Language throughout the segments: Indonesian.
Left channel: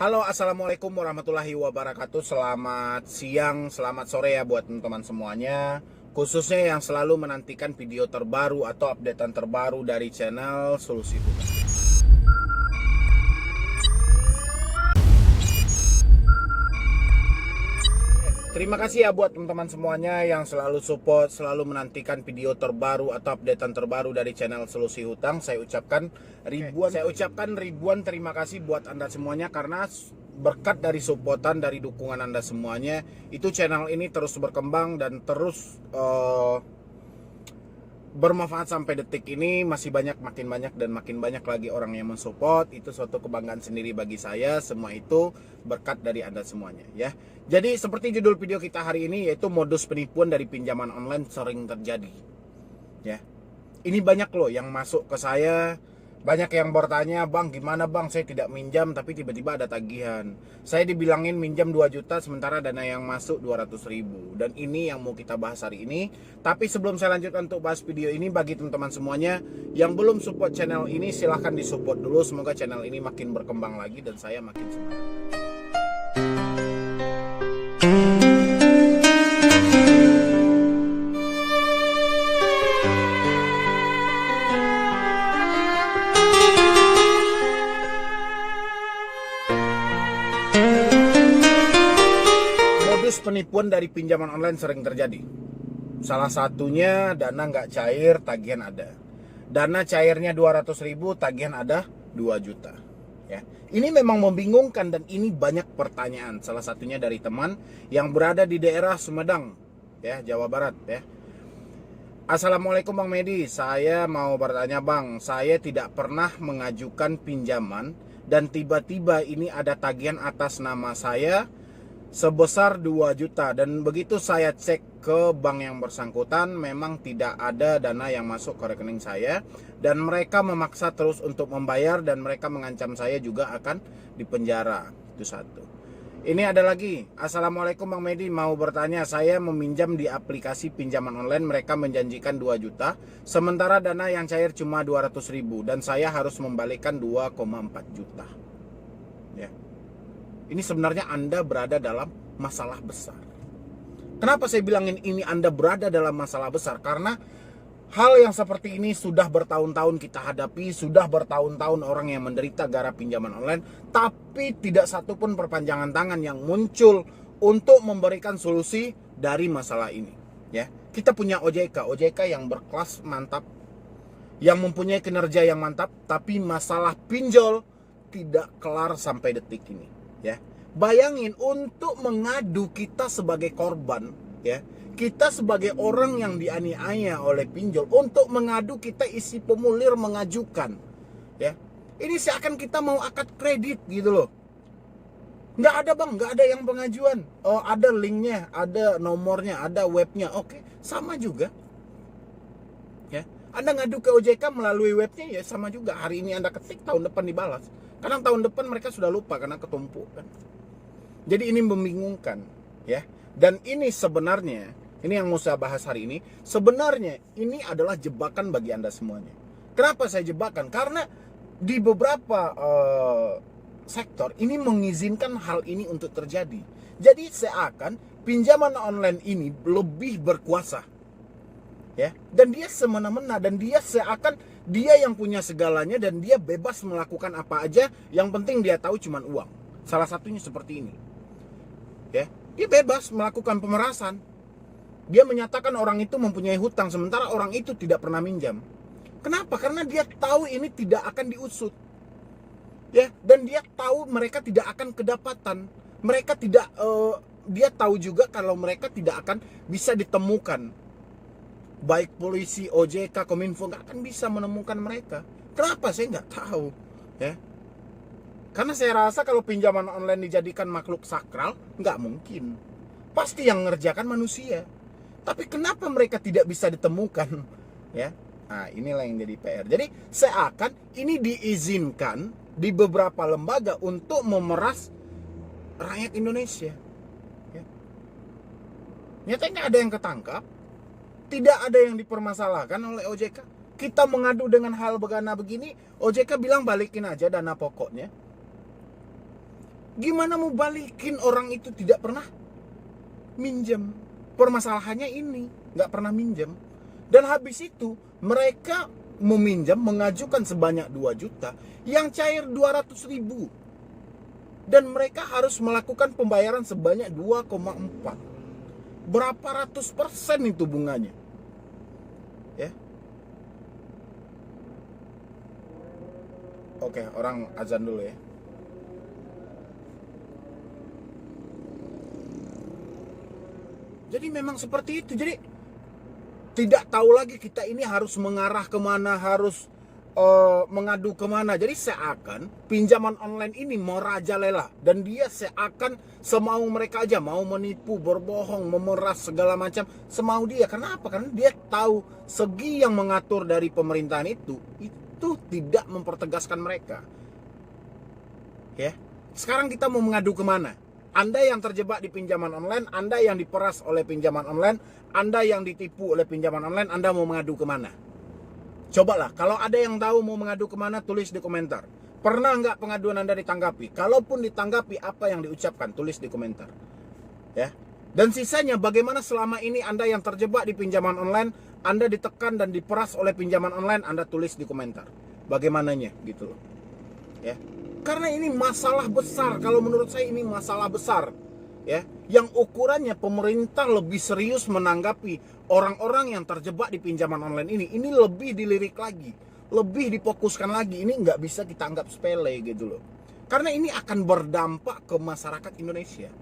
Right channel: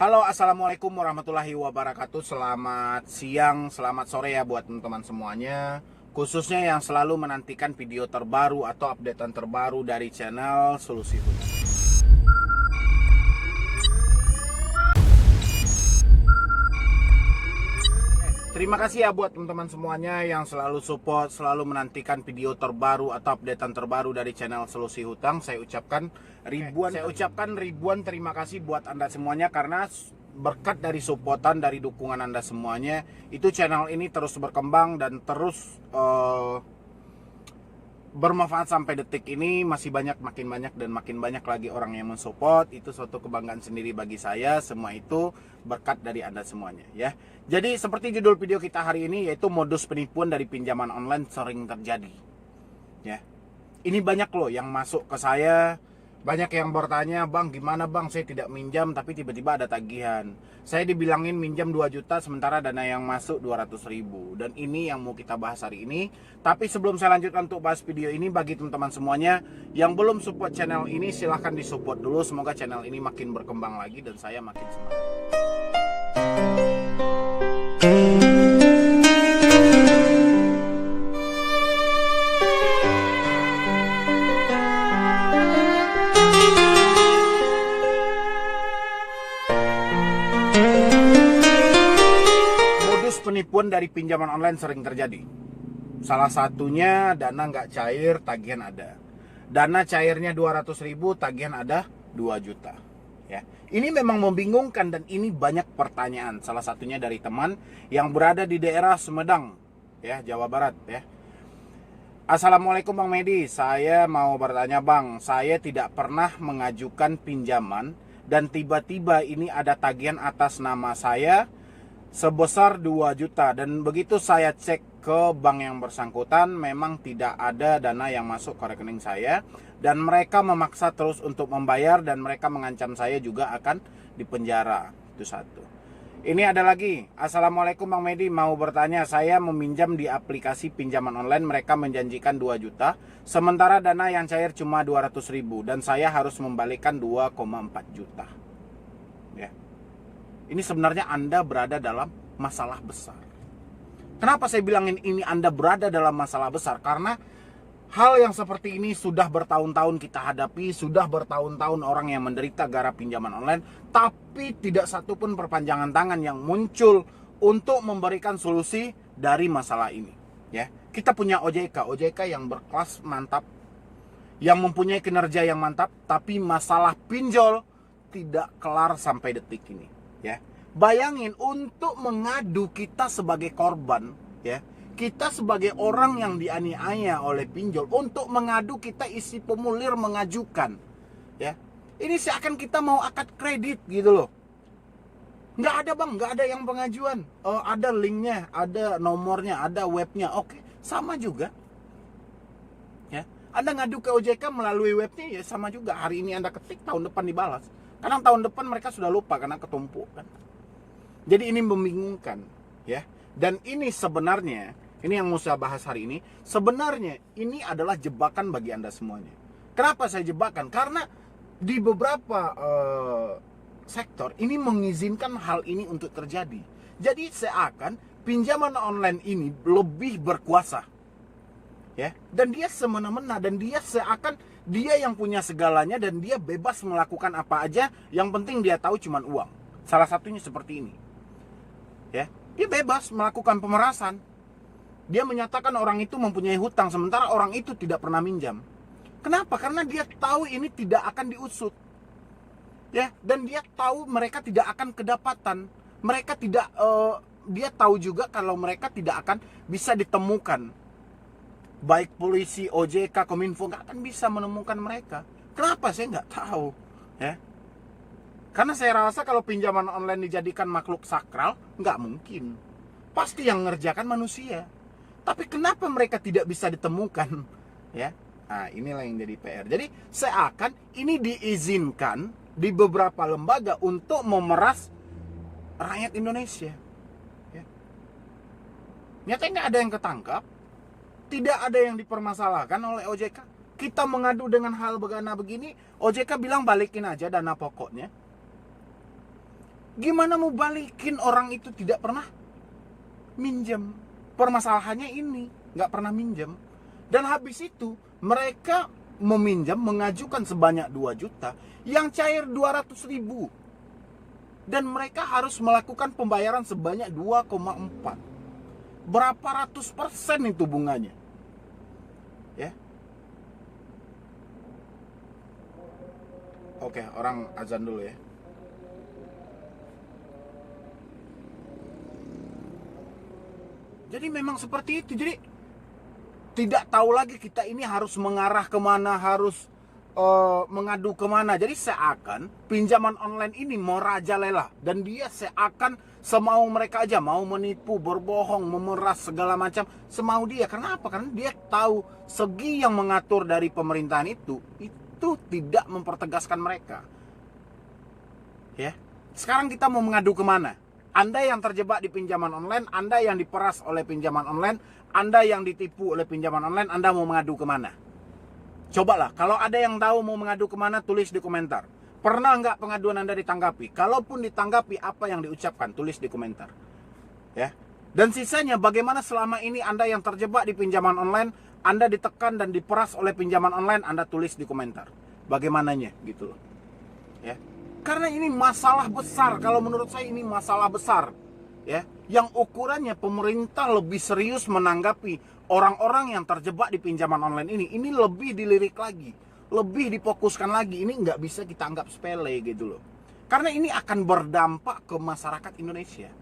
Halo, assalamualaikum warahmatullahi wabarakatuh. Selamat siang, selamat sore ya buat teman-teman semuanya. Khususnya yang selalu menantikan video terbaru atau updatean terbaru dari channel Solusi Hutang. Terima kasih ya buat teman-teman semuanya yang selalu support, selalu menantikan video terbaru atau updatean terbaru dari channel Solusi Hutang. Saya ucapkan ribuan terima kasih buat Anda semuanya, karena berkat dari supportan, dari dukungan Anda semuanya, itu channel ini terus berkembang dan terus bermanfaat sampai detik ini. Masih makin banyak lagi orang yang mensupport. Itu suatu kebanggaan sendiri bagi saya. Semua itu berkat dari Anda semuanya ya. Jadi seperti judul video kita hari ini, yaitu modus penipuan dari pinjaman online sering terjadi ya. Ini banyak loh yang masuk ke saya. Banyak yang bertanya, "Bang, gimana bang, saya tidak minjam tapi tiba-tiba ada tagihan. Saya dibilangin minjam 2 juta sementara dana yang masuk 200.000." Dan ini yang mau kita bahas hari ini. Tapi sebelum saya lanjutkan untuk bahas video ini, bagi teman-teman semuanya yang belum support channel ini, silahkan disupport dulu. Semoga channel ini makin berkembang lagi dan saya makin semangat. Penipuan dari pinjaman online sering terjadi. Salah satunya dana nggak cair, tagihan ada. Dana cairnya 200.000, tagihan ada 2 juta. Ya, ini memang membingungkan dan ini banyak pertanyaan. Salah satunya dari teman yang berada di daerah Sumedang, ya, Jawa Barat, ya. Assalamualaikum Bang Medi, saya mau bertanya Bang, saya tidak pernah mengajukan pinjaman dan tiba-tiba ini ada tagihan atas nama saya sebesar 2 juta, dan begitu saya cek ke bank yang bersangkutan memang tidak ada dana yang masuk ke rekening saya, dan mereka memaksa terus untuk membayar dan mereka mengancam saya juga akan dipenjara. Itu satu. Ini ada lagi. Assalamualaikum Bang Medi, mau bertanya, saya meminjam di aplikasi pinjaman online, mereka menjanjikan 2 juta sementara dana yang cair cuma 200.000 dan saya harus membalikkan 2,4 juta. Ya. Ini sebenarnya Anda berada dalam masalah besar. Kenapa saya bilangin ini Anda berada dalam masalah besar? Karena hal yang seperti ini sudah bertahun-tahun kita hadapi, sudah bertahun-tahun orang yang menderita gara pinjaman online, tapi tidak satupun perpanjangan tangan yang muncul untuk memberikan solusi dari masalah ini. Ya, kita punya OJK yang berkelas mantap, yang mempunyai kinerja yang mantap, tapi masalah pinjol tidak kelar sampai detik ini. Ya, bayangin untuk mengadu kita sebagai korban, ya, kita sebagai orang yang dianiaya oleh pinjol, untuk mengadu kita isi formulir mengajukan, ya, ini seakan kita mau akad kredit gitu loh. Nggak ada bang, nggak ada yang pengajuan. Oh, ada linknya, ada nomornya, ada webnya. Oke, sama juga. Ya, Anda ngadu ke OJK melalui webnya ya sama juga. Hari ini Anda ketik, tahun depan dibalas. Kadang tahun depan mereka sudah lupa karena ketumpuk kan. Jadi ini membingungkan ya. Dan ini sebenarnya, ini yang mau saya bahas hari ini, sebenarnya ini adalah jebakan bagi Anda semuanya. Kenapa saya jebakan? Karena di beberapa sektor ini mengizinkan hal ini untuk terjadi. Jadi seakan pinjaman online ini lebih berkuasa. Ya, dan dia semena-mena, dan dia seakan dia yang punya segalanya dan dia bebas melakukan apa aja, yang penting dia tahu cuman uang. Salah satunya seperti ini. Ya, dia bebas melakukan pemerasan. Dia menyatakan orang itu mempunyai hutang sementara orang itu tidak pernah minjam. Kenapa? Karena dia tahu ini tidak akan diusut. Ya, dan dia tahu mereka tidak akan kedapatan. Mereka tidak dia tahu juga kalau mereka tidak akan bisa ditemukan. Baik polisi, OJK, Kominfo nggak akan bisa menemukan mereka. Kenapa? Saya nggak tahu. Ya, karena saya rasa kalau pinjaman online dijadikan makhluk sakral, nggak mungkin. Pasti yang mengerjakan manusia. Tapi kenapa mereka tidak bisa ditemukan? Ya, nah inilah yang jadi PR. Jadi seakan ini diizinkan di beberapa lembaga untuk memeras rakyat Indonesia. Ya. Nyatanya nggak ada yang ketangkap. Tidak ada yang dipermasalahkan oleh OJK. Kita mengadu dengan hal begana begini, OJK bilang balikin aja dana pokoknya. Gimana mau balikin orang itu tidak pernah minjem? Permasalahannya ini, nggak pernah minjem. Dan habis itu mereka meminjam, mengajukan sebanyak 2 juta, yang cair 200.000. Dan mereka harus melakukan pembayaran sebanyak 2,4. Berapa ratus persen itu bunganya? Ya. Oke, orang azan dulu ya. Jadi memang seperti itu. Jadi tidak tahu lagi kita ini harus mengarah kemana, harus mengadu kemana. Jadi seakan pinjaman online ini merajalela, dan dia seakan semau mereka aja, mau menipu, berbohong, memeras segala macam semau dia. Kenapa? Karena dia tahu segi yang mengatur dari pemerintahan itu tidak mempertegaskan mereka. Ya, sekarang kita mau mengadu kemana? Anda yang terjebak di pinjaman online, Anda yang diperas oleh pinjaman online, Anda yang ditipu oleh pinjaman online, Anda mau mengadu kemana? Cobalah, kalau ada yang tahu mau mengadu kemana, tulis di komentar. Pernah nggak pengaduan Anda ditanggapi? Kalaupun ditanggapi, apa yang diucapkan? Tulis di komentar. Ya. Dan sisanya, bagaimana selama ini Anda yang terjebak di pinjaman online, Anda ditekan dan diperas oleh pinjaman online, Anda tulis di komentar. Bagaimananya, gitu loh. Ya. Karena ini masalah besar. Kalau menurut saya ini masalah besar, ya, yang ukurannya pemerintah lebih serius menanggapi orang-orang yang terjebak di pinjaman online ini lebih dilirik lagi, lebih difokuskan lagi. Ini nggak bisa kita anggap sepele gitu loh. Karena ini akan berdampak ke masyarakat Indonesia,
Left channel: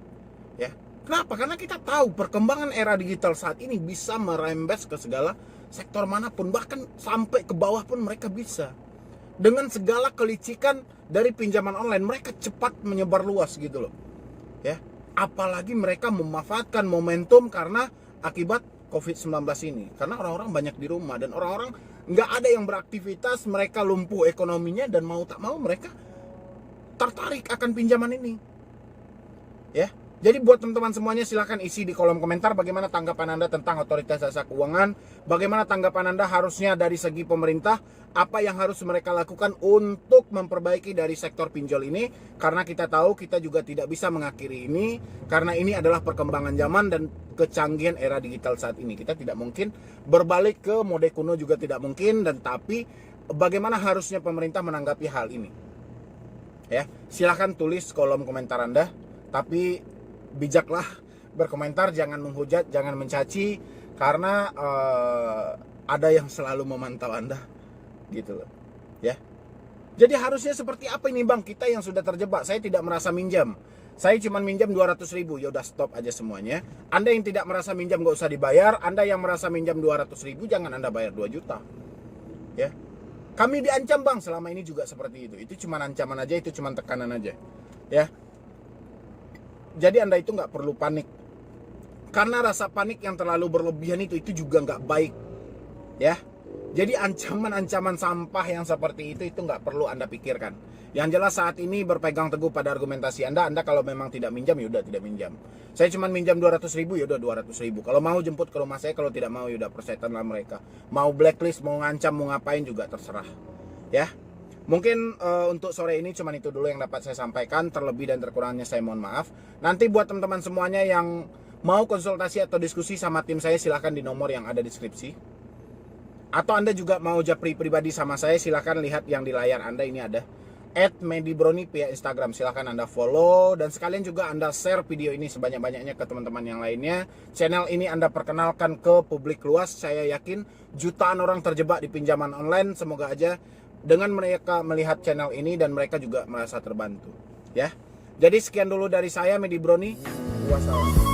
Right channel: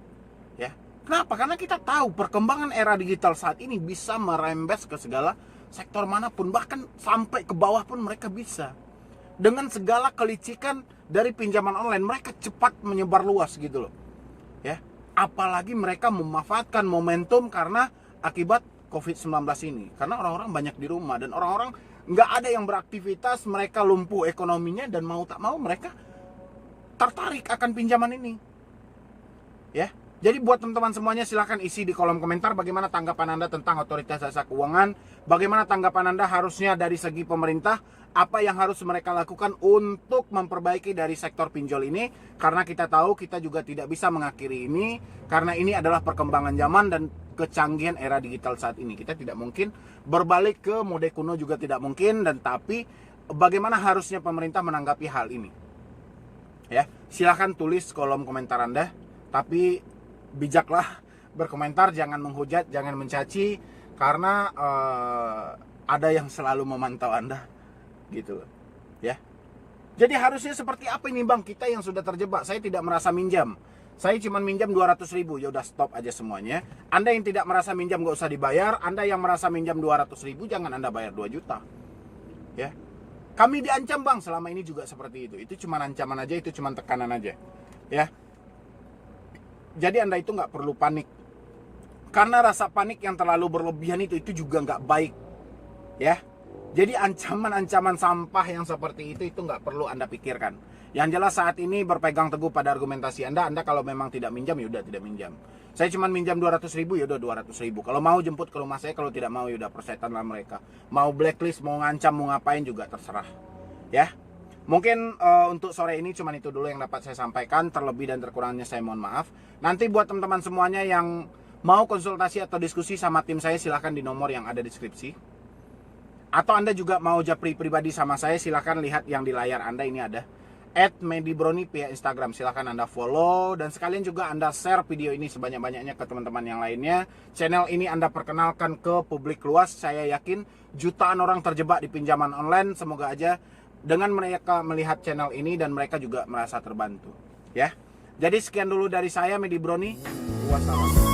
ya. Kenapa? Karena kita tahu perkembangan era digital saat ini bisa merembes ke segala sektor manapun, bahkan sampai ke bawah pun mereka bisa. Dengan segala kelicikan dari pinjaman online, mereka cepat menyebar luas gitu loh. Ya, apalagi mereka memanfaatkan momentum karena akibat COVID-19 ini. Karena orang-orang banyak di rumah dan orang-orang nggak ada yang beraktivitas, mereka lumpuh ekonominya, dan mau tak mau mereka tertarik akan pinjaman ini. Ya. Jadi buat teman-teman semuanya, silahkan isi di kolom komentar bagaimana tanggapan Anda tentang otoritas jasa keuangan. Bagaimana tanggapan Anda harusnya dari segi pemerintah, apa yang harus mereka lakukan untuk memperbaiki dari sektor pinjol ini. Karena kita tahu kita juga tidak bisa mengakhiri ini, karena ini adalah perkembangan zaman dan kecanggihan era digital saat ini. Kita tidak mungkin berbalik ke mode kuno, juga tidak mungkin. Dan tapi bagaimana harusnya pemerintah menanggapi hal ini? Ya, silahkan tulis kolom komentar Anda. Tapi bijaklah berkomentar, jangan menghujat, jangan mencaci, karena ada yang selalu memantau Anda gitu loh, ya. Jadi harusnya seperti apa ini Bang? Kita yang sudah terjebak, saya tidak merasa minjam, saya cuma minjam 200.000, ya udah stop aja semuanya. Anda yang tidak merasa minjam gak usah dibayar, Anda yang merasa minjam 200.000 jangan Anda bayar 2 juta, ya. Kami diancam Bang, selama ini juga seperti itu cuma ancaman aja, itu cuma tekanan aja, ya. Jadi Anda itu nggak perlu panik, karena rasa panik yang terlalu berlebihan itu juga nggak baik, ya. Jadi ancaman-ancaman sampah yang seperti itu nggak perlu Anda pikirkan. Yang jelas saat ini berpegang teguh pada argumentasi Anda. Anda kalau memang tidak minjam, yaudah tidak minjam. Saya cuma minjam 200.000, yaudah 200.000. Kalau mau jemput ke rumah saya, kalau tidak mau yaudah persetan lah mereka. Mau blacklist, mau ngancam, mau ngapain juga terserah, ya. Mungkin untuk sore ini cuma itu dulu yang dapat saya sampaikan. Terlebih dan terkurangnya saya mohon maaf. Nanti buat teman-teman semuanya yang mau konsultasi atau diskusi sama tim saya, silahkan di nomor yang ada di deskripsi. Atau Anda juga mau japri pribadi sama saya, silahkan lihat yang di layar Anda ini ada @medibroni via Instagram. Silahkan Anda follow, dan sekalian juga Anda share video ini sebanyak-banyaknya ke teman-teman yang lainnya. Channel ini Anda perkenalkan ke publik luas. Saya yakin jutaan orang terjebak di pinjaman online. Semoga aja dengan mereka melihat channel ini dan mereka juga merasa terbantu, ya. Jadi sekian dulu dari saya, Medi Broni. Wassalam.